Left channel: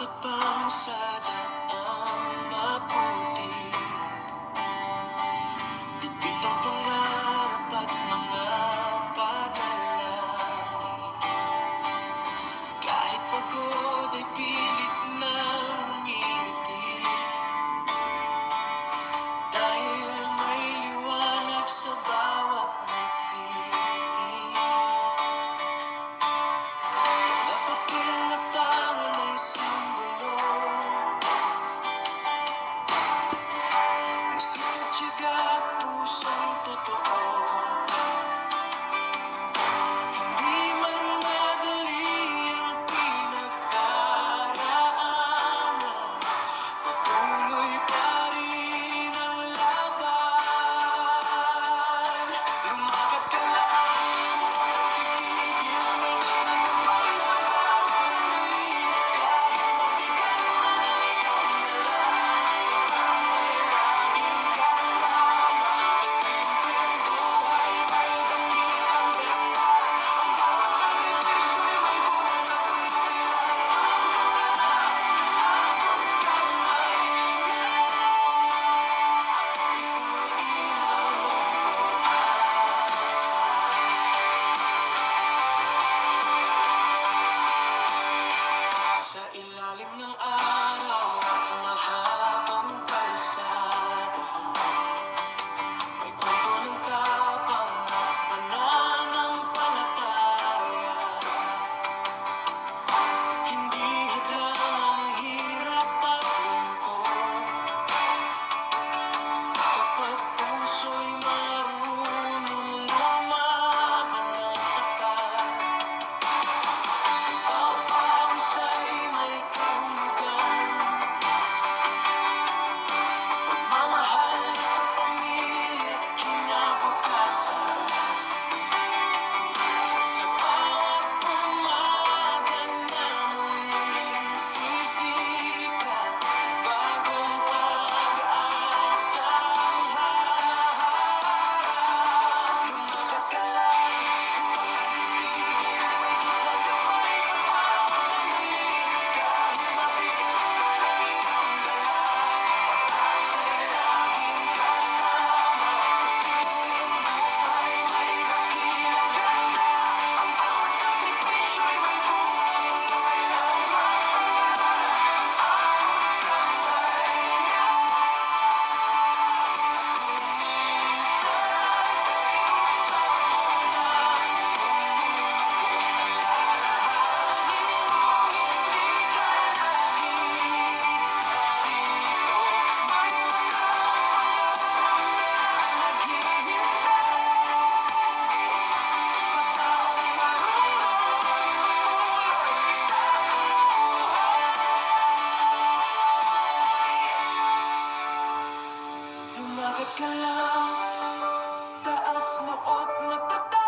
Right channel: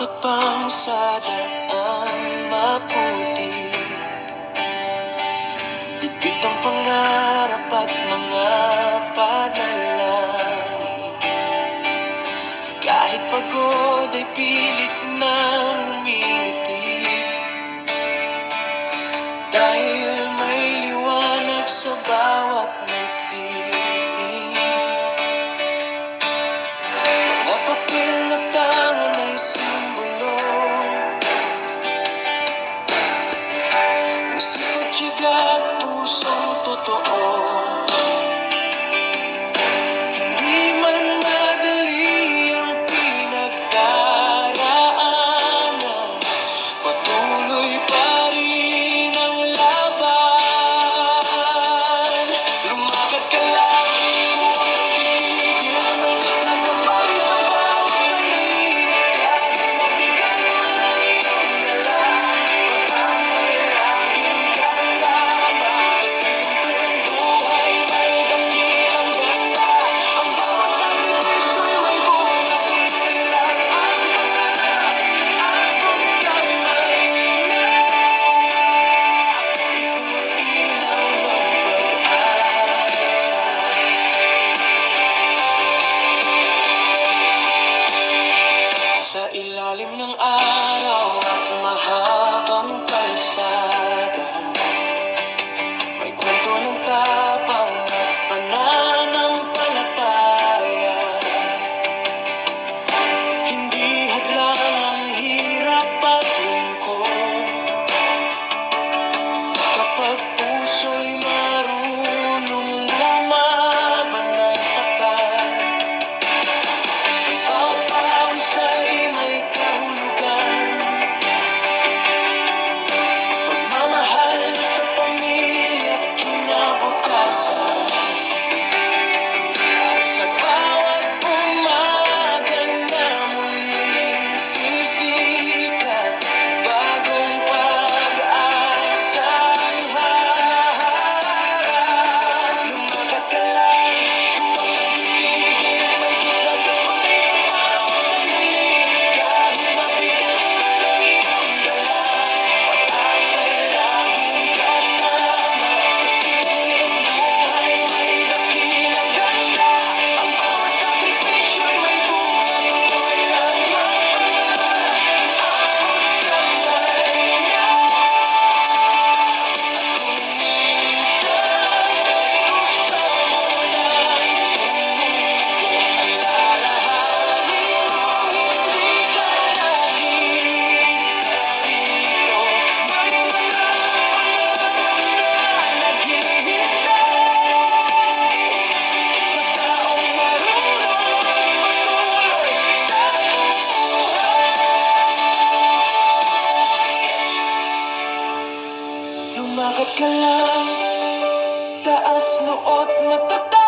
Tapang sa daan maputi, bigit ang pangarap at mga panalangin. Kahit pagod ay pilit nang umingiti, dahil may liwanag sa bawat ngiti. Mga papel na tangan ay simbolo ng sipag, tiyaga at pusong totoo. Hindi man madali ang pinagdaraanan, patuloy pa rin ang laban. Lumakad ka lang, huwag kang titigil, nais na gabay sa bawat sandali. Kahit mabigat man ang iyong dala, pag-asa'y laging kasama. Sa simpleng buhay may dakilang ganda, ang bawat sakripisyo'y may bunga. Tuloy lang ang pangarap, abot kamay na. Ikaw ay ilaw ng pag-asa. Sa ilalim ng araw at mahabang kalsada, may kwento ng tapang at pananampalataya. Hindi hadlang ang hirap at lungkot, kapag puso'y marunong lumaban ng tapat. Bawat pawis ay may kahulugan, pagmamahal sa pamilya't kinabukasan. At sa bawat umaga na muling sisikat, bagong pag-asa ang haharap. Lumakad ka lang, huwag kang titigil, may Diyos na gabay sa bawat sandali. Kahit mabigat man ang iyong dala, pag-asa'y laging kasama. Sa simpleng buhay may dakilang ganda, ang bawat sakripisyo'y may bunga. Tuloy lang ang pangarap, abot kamay na. Kung minsan ay gusto mo nang sumuko, alalahanin mo hindi ka nag-iisa dito. May mga pangarap na naghihintay sa taong marunong magpatuloy sa buhay. Lumakad ka lang, taas noo at matatag.